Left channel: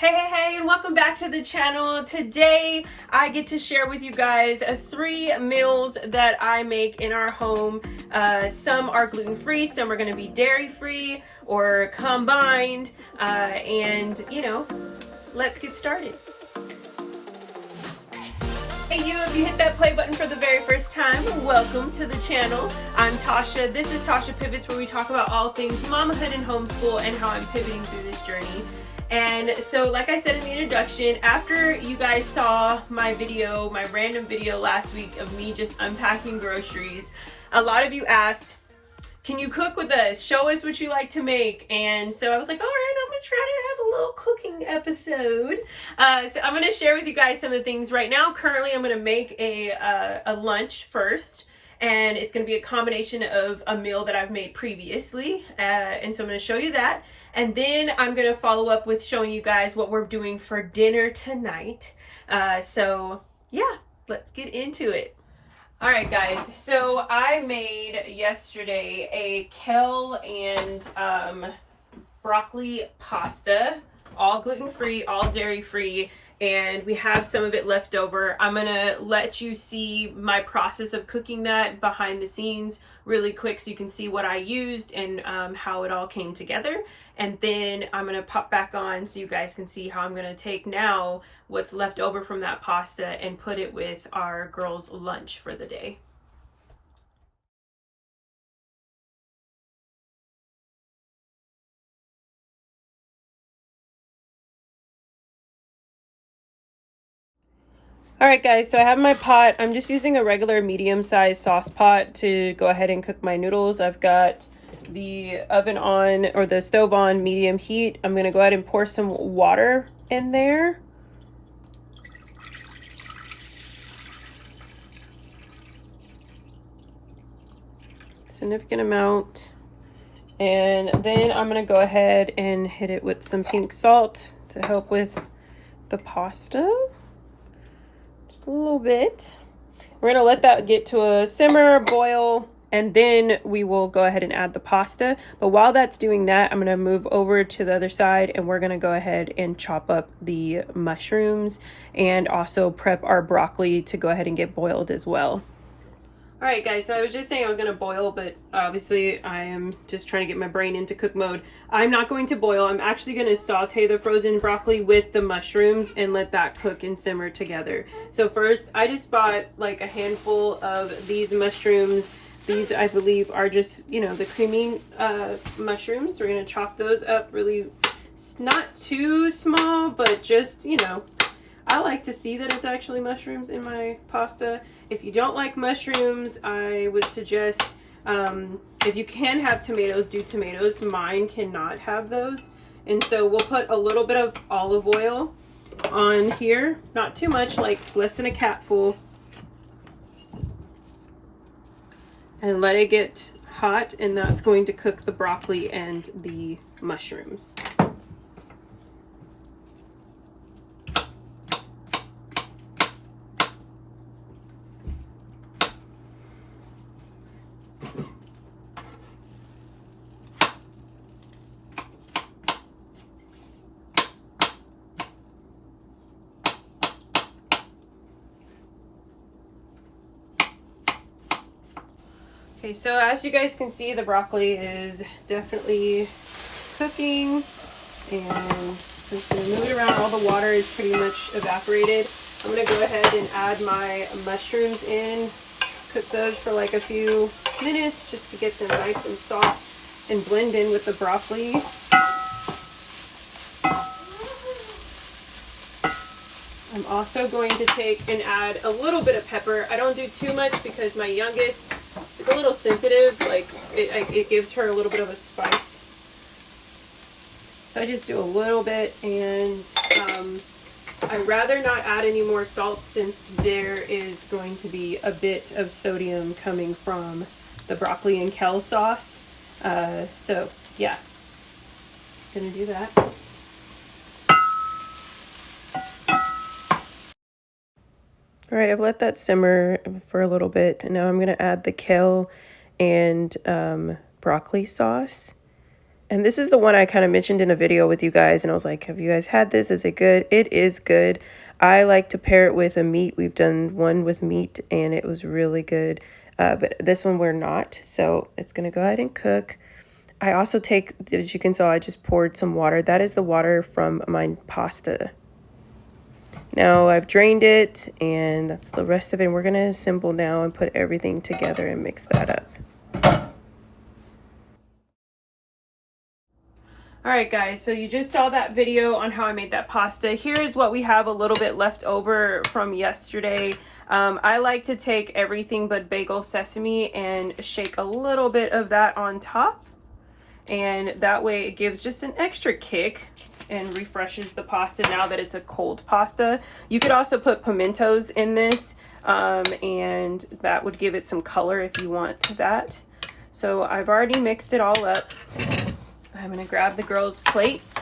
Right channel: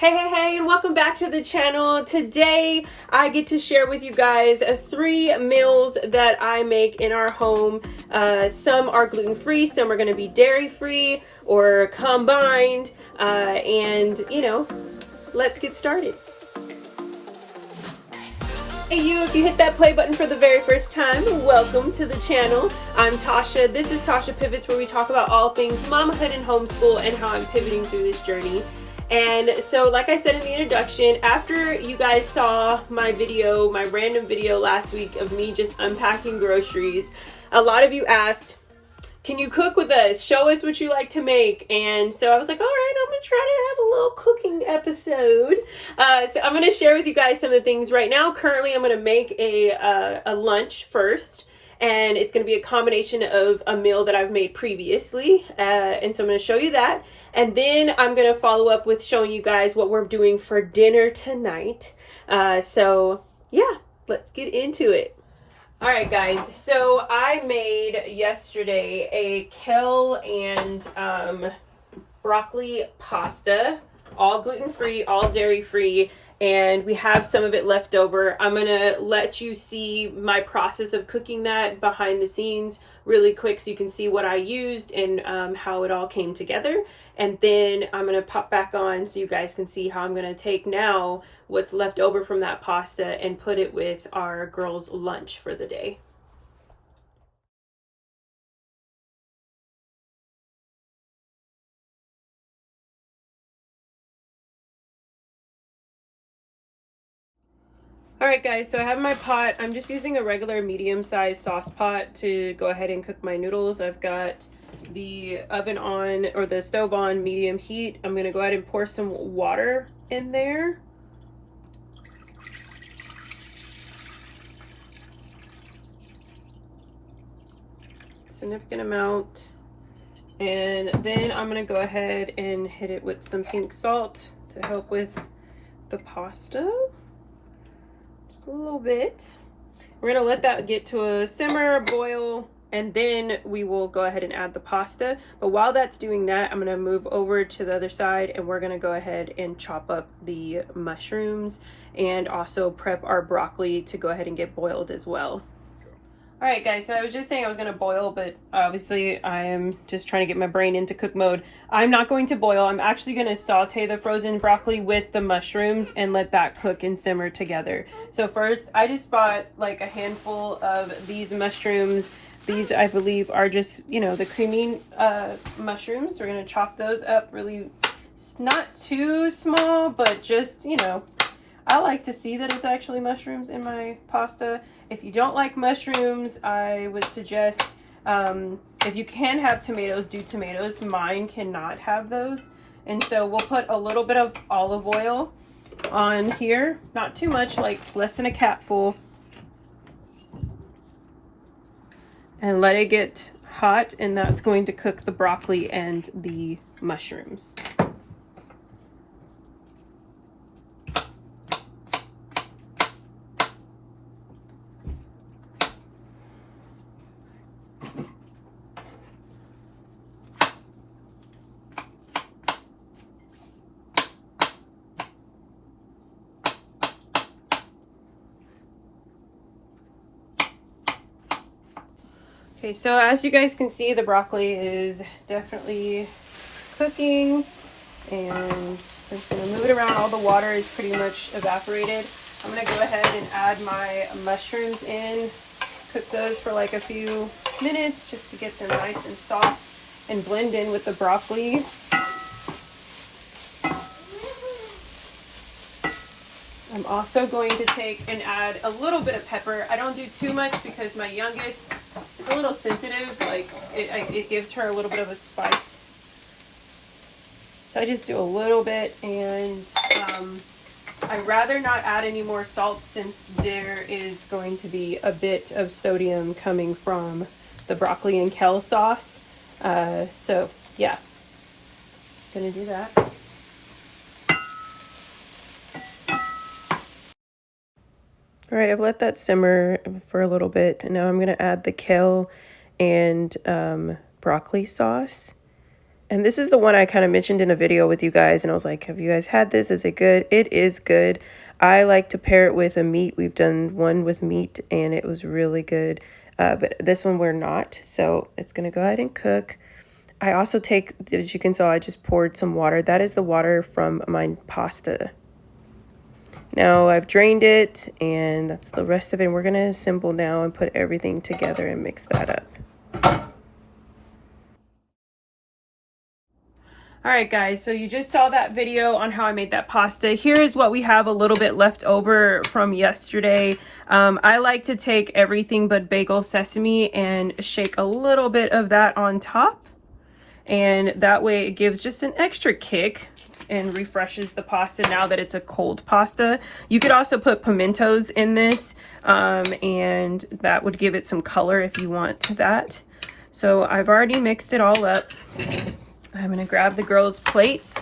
Hey, and welcome back to the channel. Today, I get to share with you guys 3 meals that I make in our home. Some are gluten-free, some are gonna be dairy-free or combined, and you know, let's get started. Hey you, if you hit that play button for the very first time, welcome to the channel. I'm Tasha. This is Tasha Pivots, where we talk about all things mamahood and homeschool and how I'm pivoting through this journey. And so, like I said in the introduction, after you guys saw my video, my random video last week of me just unpacking groceries, a lot of you asked, can you cook with us? Show us what you like to make. And so I was like, all right, I'm gonna try to have a little cooking episode. So I'm gonna share with you guys some of the things right now. Currently, I'm gonna make a lunch first. And it's going to be a combination of a meal that I've made previously. And so I'm going to show you that. And then I'm going to follow up with showing you guys what we're doing for dinner tonight. So yeah, let's get into it. All right, guys. So I made yesterday a kale and broccoli pasta, all gluten-free, all dairy-free. And we have some of it left over. I'm gonna let you see my process of cooking that behind the scenes really quick so you can see what I used and how it all came together. And then I'm gonna pop back on so you guys can see how I'm gonna take now what's left over from that pasta and put it with our girls' lunch for the day. All right, guys, so I have my pot. I'm just using a regular medium-sized sauce pot to go ahead and cook my noodles. I've got the oven on, or the stove on medium heat. I'm gonna go ahead and pour some water in there. Significant amount. And then I'm gonna go ahead and hit it with some pink salt to help with the pasta. Just a little bit. We're gonna let that get to a simmer, boil, and then we will go ahead and add the pasta. But while that's doing that, I'm gonna move over to the other side and we're gonna go ahead and chop up the mushrooms and also prep our broccoli to go ahead and get boiled as well. All right, guys, so I was just saying I was gonna boil, but obviously I am just trying to get my brain into cook mode. I'm not going to boil. I'm actually gonna saute the frozen broccoli with the mushrooms and let that cook and simmer together. So first, I just bought like a handful of these mushrooms. These, I believe, are just, you know, the Crimean mushrooms. We're gonna chop those up really, not too small, but just, you know, I like to see that it's actually mushrooms in my pasta. If you don't like mushrooms, I would suggest, if you can have tomatoes, do tomatoes. Mine cannot have those. And so we'll put a little bit of olive oil on here. Not too much, like less than a capful. And let it get hot, and that's going to cook the broccoli and the mushrooms. Okay, so as you guys can see, the broccoli is definitely cooking, and I'm just gonna move it around. All the water is pretty much evaporated. I'm gonna go ahead and add my mushrooms in, cook those for like a few minutes just to get them nice and soft and blend in with the broccoli. I'm also going to take and add a little bit of pepper. I don't do too much because my youngest is a little sensitive. Like it gives her a little bit of a spice. So I just do a little bit, and I'd rather not add any more salt since there is going to be a bit of sodium coming from the broccoli and kale sauce. So yeah, gonna do that. All right, I've let that simmer for a little bit, and now I'm going to add the kale and broccoli sauce. And this is the one I kind of mentioned in a video with you guys, and I was like, have you guys had this? Is it good? It is good. I like to pair it with a meat. We've done one with meat and it was really good. But this one we're not. So it's going to go ahead and cook. I also take, as you can tell, I just poured some water. That is the water from my pasta. Now I've drained it, and that's the rest of it. We're going to assemble now and put everything together and mix that up. All right, guys, so you just saw that video on how I made that pasta. Here's what we have a little bit left over from yesterday. I like to take everything but bagel sesame and shake a little bit of that on top. And that way it gives just an extra kick and refreshes the pasta now that it's a cold pasta. You could also put pimentos in this, and that would give it some color if you want that. So I've already mixed it all up. I'm gonna grab the girls' plates.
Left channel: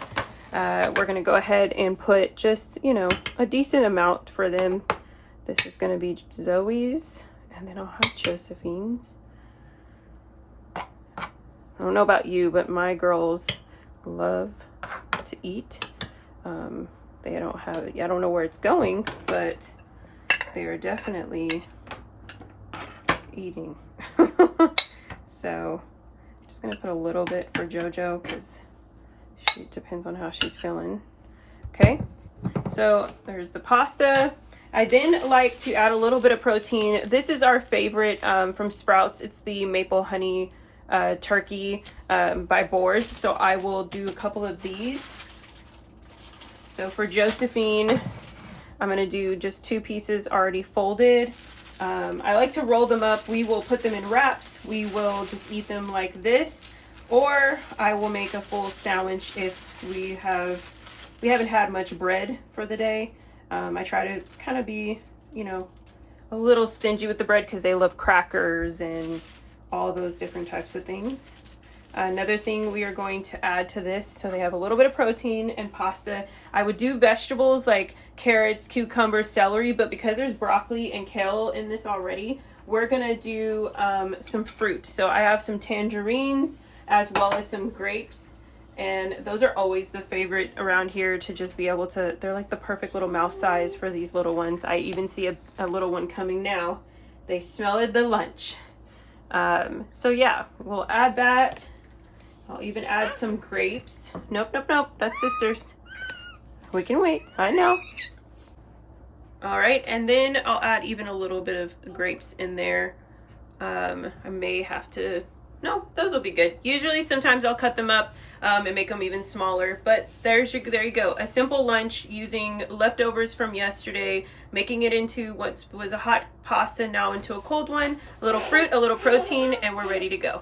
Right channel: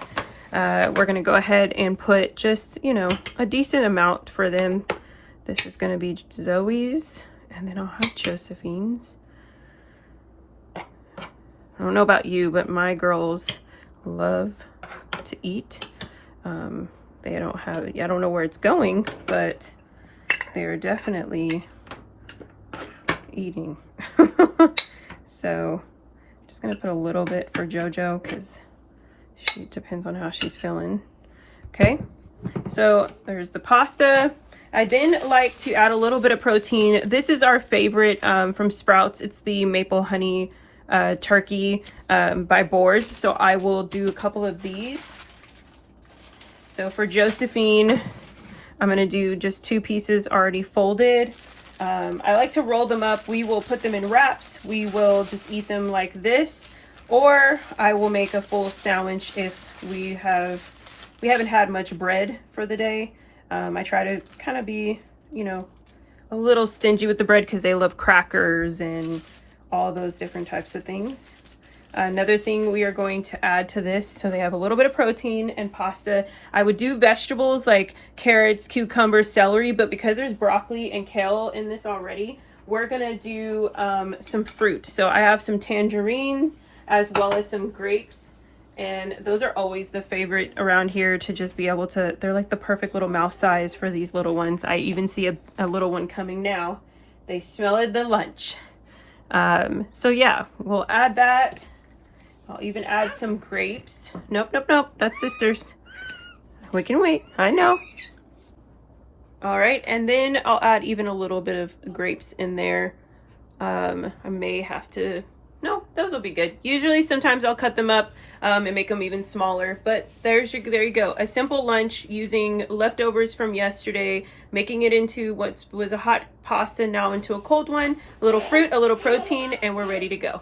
We're gonna go ahead and put just, you know, a decent amount for them. This is gonna be Zoe's, and then I'll have Josephine's. I don't know about you, but my girls love to eat. They don't have it. I don't know where it's going, but they're definitely eating. So I'm just gonna put a little bit for JoJo because she depends on how she's feeling. Okay, so there's the pasta. I then like to add a little bit of protein. This is our favorite from Sprouts. It's the maple honey turkey by Boars. So I will do a couple of these. So for Josephine, I'm gonna do just 2 pieces already folded. I like to roll them up. We will put them in wraps. We will just eat them like this, or I will make a full sandwich if we haven't had much bread for the day. I try to kind of be, you know, a little stingy with the bread because they love crackers and all those different types of things. Another thing we are going to add to this, so they have a little bit of protein and pasta. I would do vegetables like carrots, cucumbers, celery, but because there's broccoli and kale in this already, we're gonna do some fruit. So I have some tangerines as well as some grapes, and those are always the favorite around here to just be able to, they're like the perfect little mouth size for these little ones. I even see a little one coming now. They smelled the lunch. So yeah, we'll add that. I'll even add some grapes. Nope, nope, nope, that's sisters. We can wait, I know. All right, and then I'll add even a little bit of grapes in there. I may have to, no, those will be good. Usually sometimes I'll cut them up and make them even smaller, but there you go. A simple lunch using leftovers from yesterday, making it into what was a hot pasta now into a cold one, a little fruit, a little protein, and we're ready to go.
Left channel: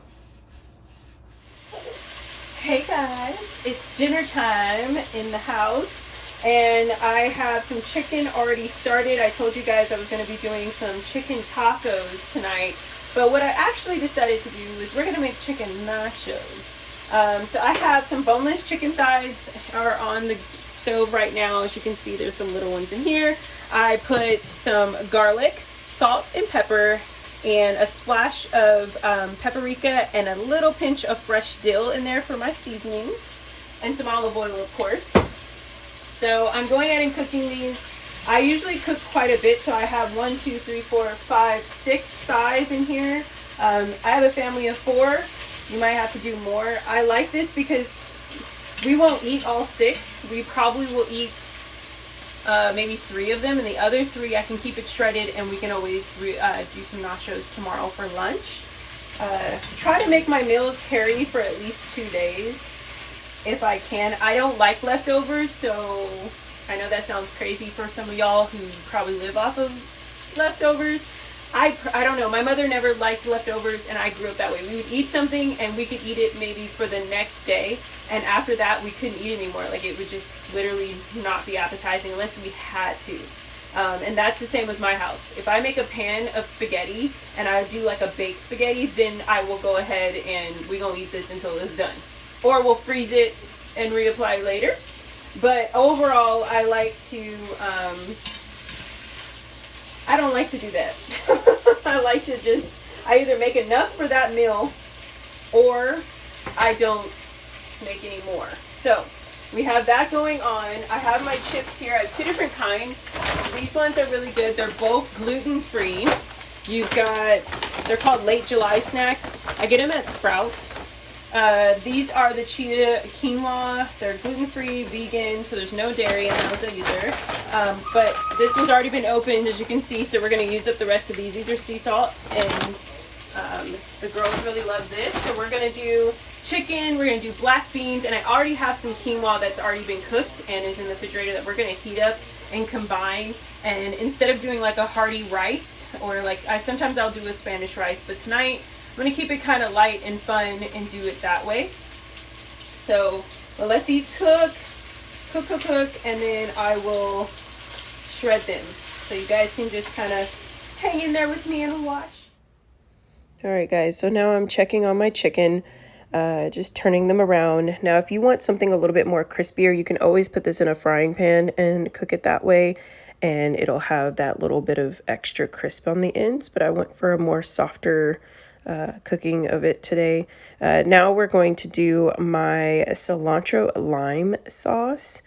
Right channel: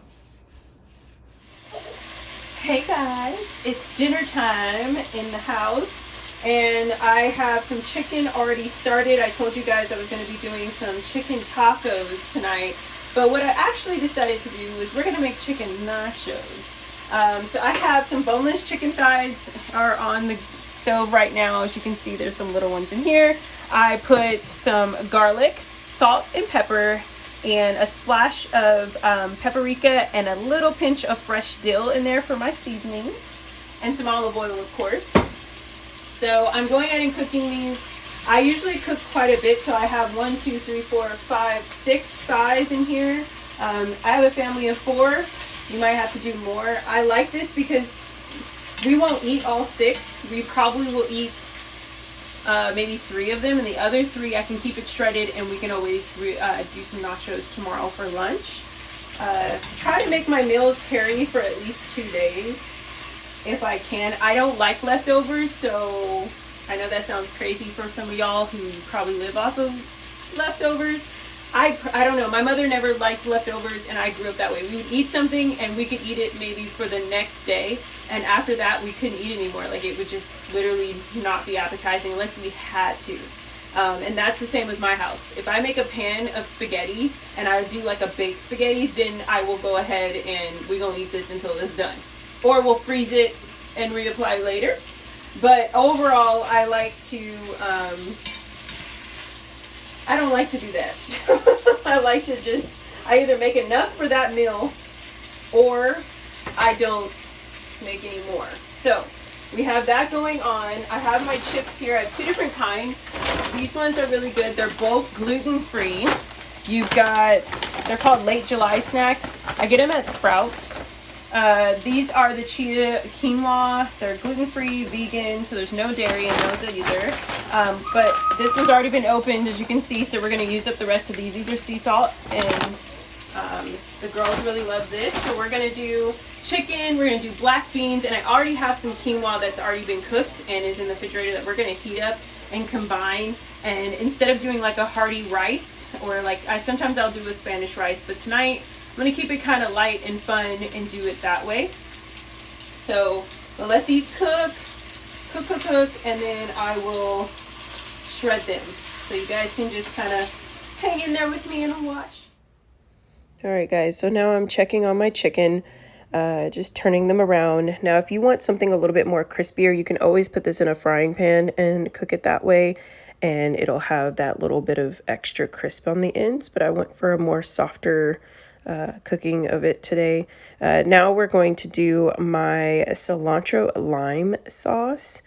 Hey guys, it's dinner time in the house, and I have some chicken already started. I told you guys I was going to be doing some chicken tacos tonight, but what I actually decided to do is we're going to make chicken nachos. So I have some boneless chicken thighs are on the stove right now. As you can see, there's some little ones in here. I put some garlic, salt, and pepper, and a splash of paprika and a little pinch of fresh dill in there for my seasoning, and some olive oil, of course. So I'm going ahead and cooking these. I usually cook quite a bit, so I have 1, 2, 3, 4, 5, 6 thighs in here. I have a family of 4. You might have to do more. I like this because we won't eat all 6. We probably will eat maybe 3 of them, and the other 3 I can keep it shredded, and we can always do some nachos tomorrow for lunch. Try to make my meals carry for at least 2 days if I can. I don't like leftovers, so I know that sounds crazy for some of y'all who probably live off of leftovers. I don't know. My mother never liked leftovers, and I grew up that way. We would eat something, and we could eat it maybe for the next day, and after that, we couldn't eat anymore. Like, it would just literally not be appetizing unless we had to. And that's the same with my house. If I make a pan of spaghetti, and I do like a baked spaghetti, then I will go ahead and we're going to eat this until it's done. Or we'll freeze it and reapply later. But overall, I like to... I don't like to do that. I like to I either make enough for that meal, or I don't make any more. So we have that going on. I have my chips here. I have two different kinds. These ones are really good. They're both gluten-free. You've got, they're called Late July snacks. I get them at Sprouts. These are the chia quinoa. They're gluten-free, vegan, so there's no dairy in those either. But this one's already been opened, as you can see, so we're going to use up the rest of these. These are sea salt, and the girls really love this. So we're going to do chicken, we're going to do black beans, and I already have some quinoa that's already been cooked and is in the refrigerator that we're going to heat up and combine. And instead of doing like a hearty rice, or like sometimes I'll do a Spanish rice, but tonight I'm going to keep it kind of light and fun and do it that way. So we'll let these cook, and then I will shred them. So you guys can just kind of hang in there with me and watch. All right, guys, so now I'm checking on my chicken, just turning them around. Now, if you want something a little bit more crispier, you can always put this in a frying pan and cook it that way, and it'll have that little bit of extra crisp on the ends, but I went for a more softer cooking of it today. Now we're going to do my cilantro lime sauce.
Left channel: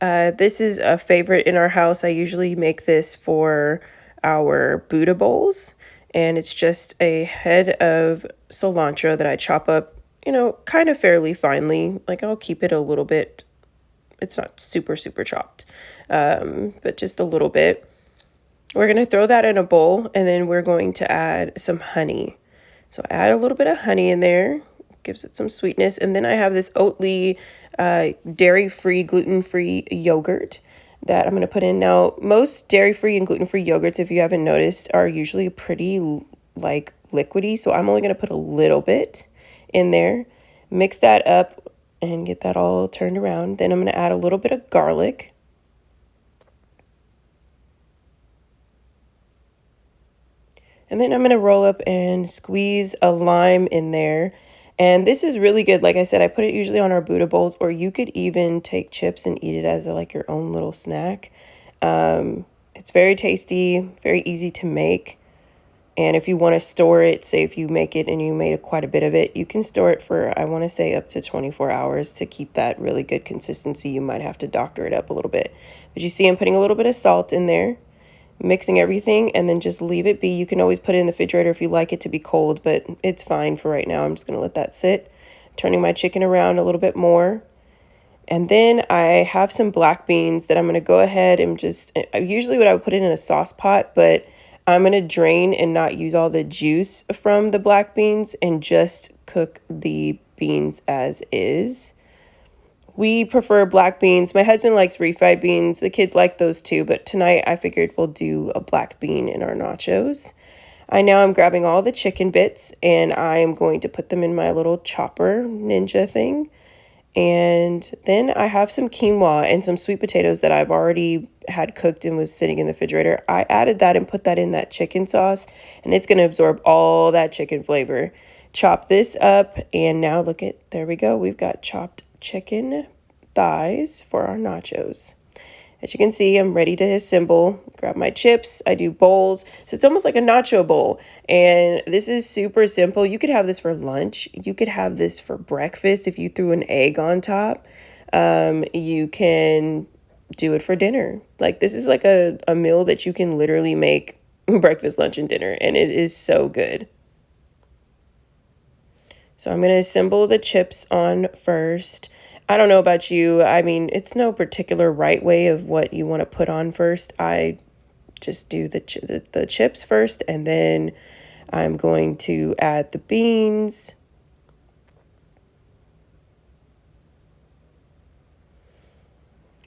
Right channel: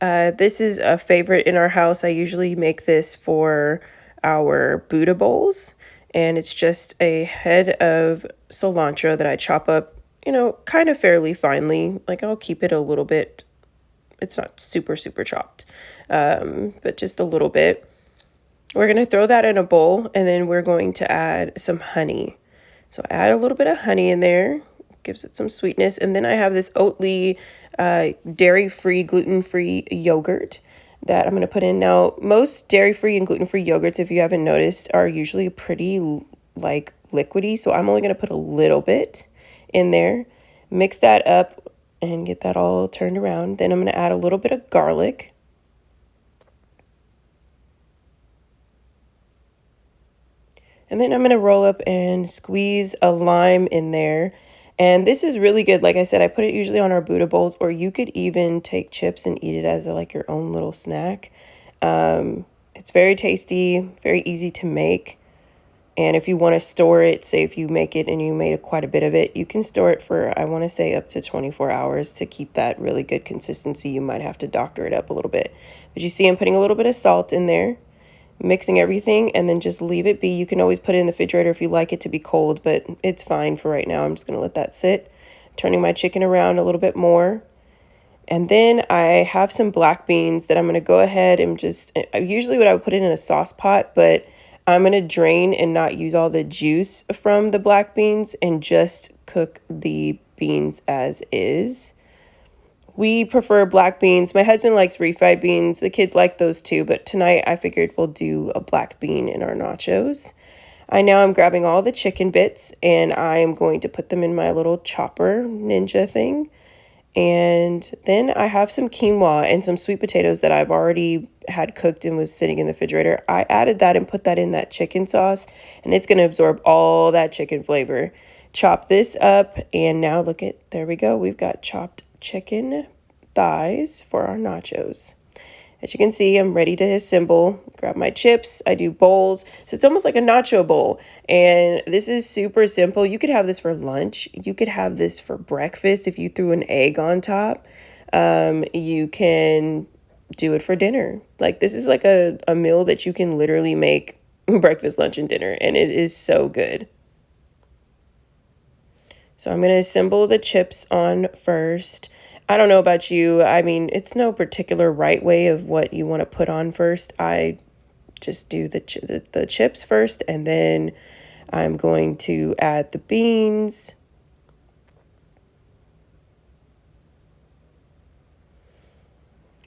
This is a favorite in our house. I usually make this for our Buddha bowls, and it's just a head of cilantro that I chop up, kind of fairly finely. Like I'll keep it a little bit. It's not super chopped, but just a little bit. We're going to throw that in a bowl, and then we're going to add some honey. So add a little bit of honey in there, gives it some sweetness. And then I have this Oatly dairy-free, gluten-free yogurt that I'm going to put in. Now, most dairy-free and gluten-free yogurts, if you haven't noticed, are usually pretty like liquidy. So I'm only going to put a little bit in there, mix that up, and get that all turned around. Then I'm going to add a little bit of garlic. And then I'm going to roll up and squeeze a lime in there. And this is really good. Like I said, I put it usually on our Buddha bowls, or you could even take chips and eat it as like your own little snack. It's very tasty, very easy to make. And if you want to store it, say if you make it and you made quite a bit of it, you can store it for, I want to say, up to 24 hours to keep that really good consistency. You might have to doctor it up a little bit. But you see I'm putting a little bit of salt in there, mixing everything, and then just leave it be. You can always put it in the refrigerator if you like it to be cold, but it's fine for right now. I'm just going to let that sit. Turning my chicken around a little bit more. And then I have some black beans that I'm going to go ahead and just, usually what I would put it in a sauce pot, but I'm going to drain and not use all the juice from the black beans and just cook the beans as is. We prefer black beans. My husband likes refried beans. The kids like those too, but tonight I figured we'll do a black bean in our nachos. I'm grabbing all the chicken bits and I am going to put them in my little chopper ninja thing. And then I have some quinoa and some sweet potatoes that I've already had cooked and was sitting in the refrigerator. I added that and put that in that chicken sauce, and it's going to absorb all that chicken flavor. Chop this up, and now look at, there we go. We've got chopped chicken thighs for our nachos. As you can see, I'm ready to assemble. Grab my chips. I do bowls. So it's almost like a nacho bowl. And this is super simple. You could have this for lunch. You could have this for breakfast if you threw an egg on top. You can do it for dinner. Like this is like a meal that you can literally make breakfast, lunch, and dinner. And it is so good. So I'm going to assemble the chips on first. I don't know about you. I mean, it's no particular right way of what you want to put on first. I just do the chips first, and then I'm going to add the beans.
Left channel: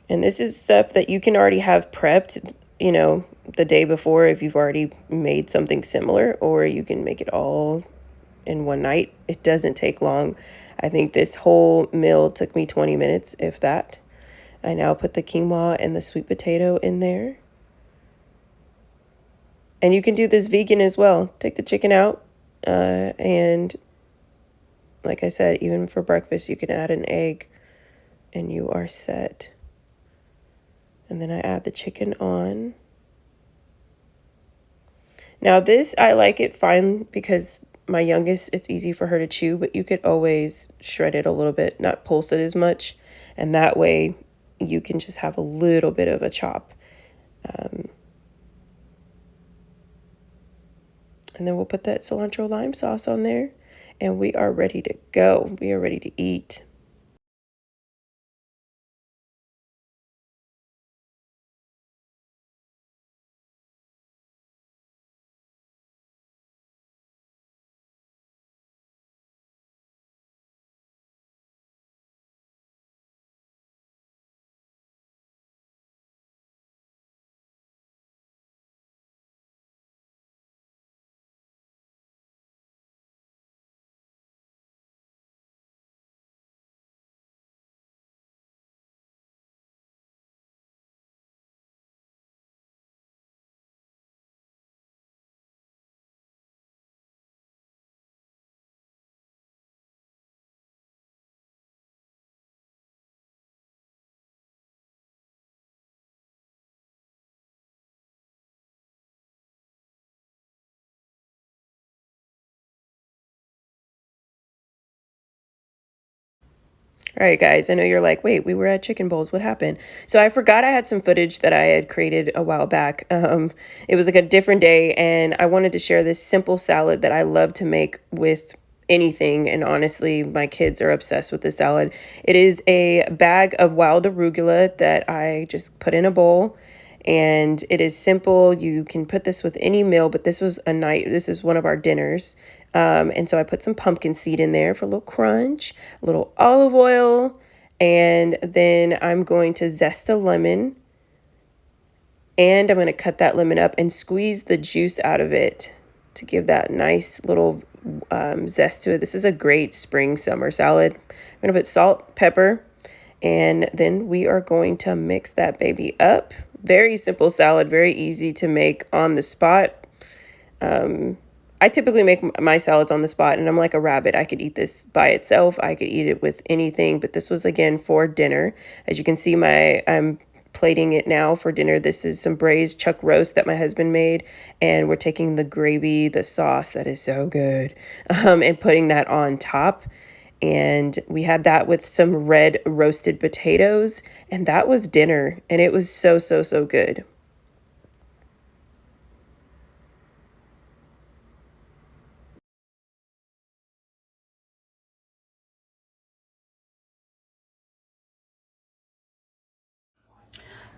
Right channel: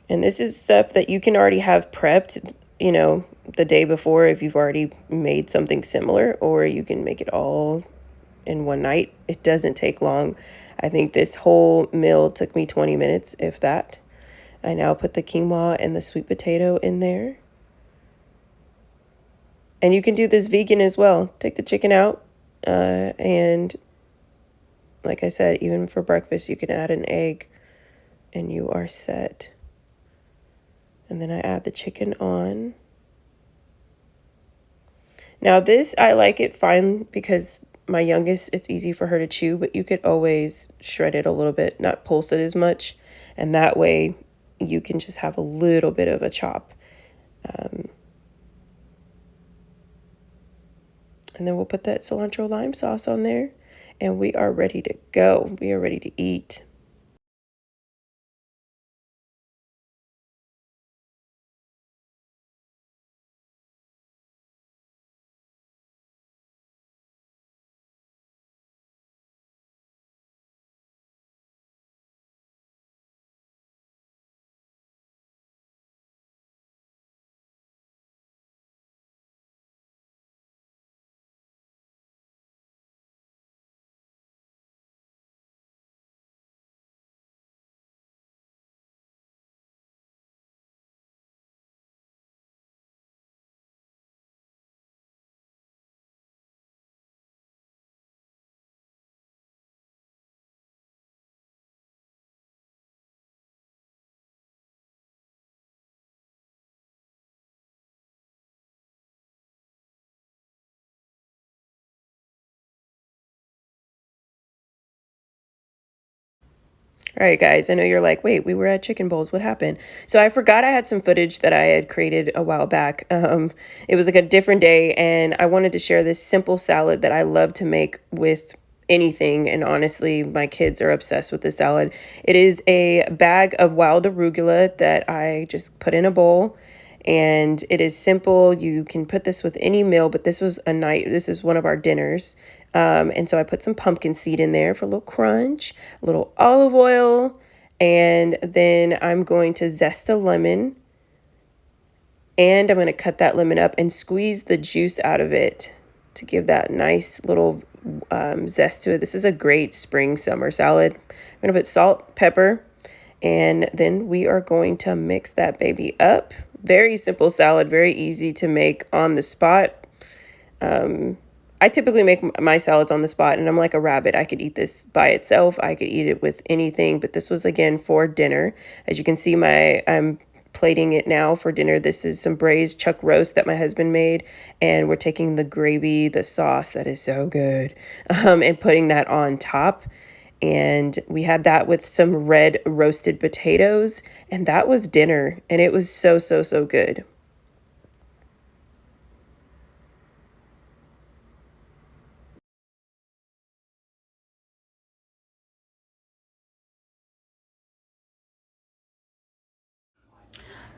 And this is stuff that you can already have prepped, the day before if you've already made something similar, or you can make it all in one night. It doesn't take long. I think this whole meal took me 20 minutes, if that. I now put the quinoa and the sweet potato in there. And you can do this vegan as well. Take the chicken out. And like I said, even for breakfast, you can add an egg and you are set. And then I add the chicken on. Now this, I like it fine because my youngest, it's easy for her to chew, but you could always shred it a little bit, not pulse it as much. And that way you can just have a little bit of a chop. And then we'll put that cilantro lime sauce on there, and we are ready to go. We are ready to eat. All right, guys, I know you're like, wait, we were at Chicken Bowls. What happened? So I forgot I had some footage that I had created a while back. It was like a different day, and I wanted to share this simple salad that I love to make with anything. And honestly, my kids are obsessed with this salad. It is a bag of wild arugula that I just put in a bowl. And it is simple. You can put this with any meal, but this is one of our dinners. And so I put some pumpkin seed in there for a little crunch, a little olive oil, and then I'm going to zest a lemon, and I'm going to cut that lemon up and squeeze the juice out of it to give that nice little zest to it. This is a great spring summer salad. I'm going to put salt, pepper, and then we are going to mix that baby up. Very simple salad, very easy to make on the spot. I typically make my salads on the spot, and I'm like a rabbit. I could eat this by itself. I could eat it with anything, but this was, again, for dinner. As you can see, I'm plating it now for dinner. This is some braised chuck roast that my husband made, and we're taking the gravy, the sauce that is so good, and putting that on top. And we had that with some red roasted potatoes, and that was dinner, and it was so, so, so good.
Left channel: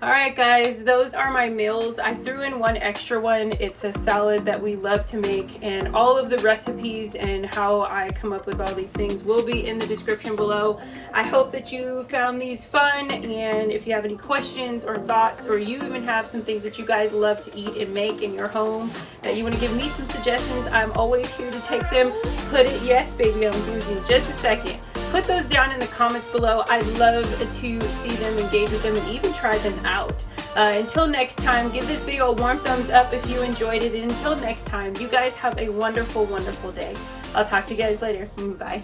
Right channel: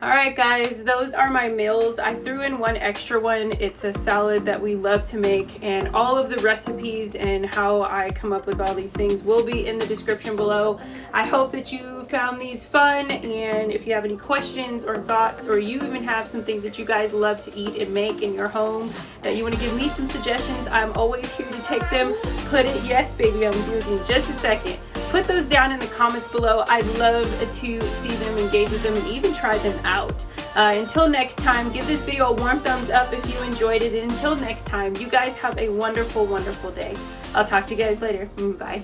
All right, guys, those are my meals. I threw in one extra one. It's a salad that we love to make, and all of the recipes and how I come up with all these things will be in the description below. I hope that you found these fun, and if you have any questions or thoughts, or you even have some things that you guys love to eat and make in your home that you want to give me some suggestions, I'm always here to take them. Yes, baby, I'm doing it in just a second. Put those down in the comments below. I'd love to see them, engage with them, and even try them out. Until next time, give this video a warm thumbs up if you enjoyed it. And until next time, you guys have a wonderful, wonderful day. I'll talk to you guys later. Bye.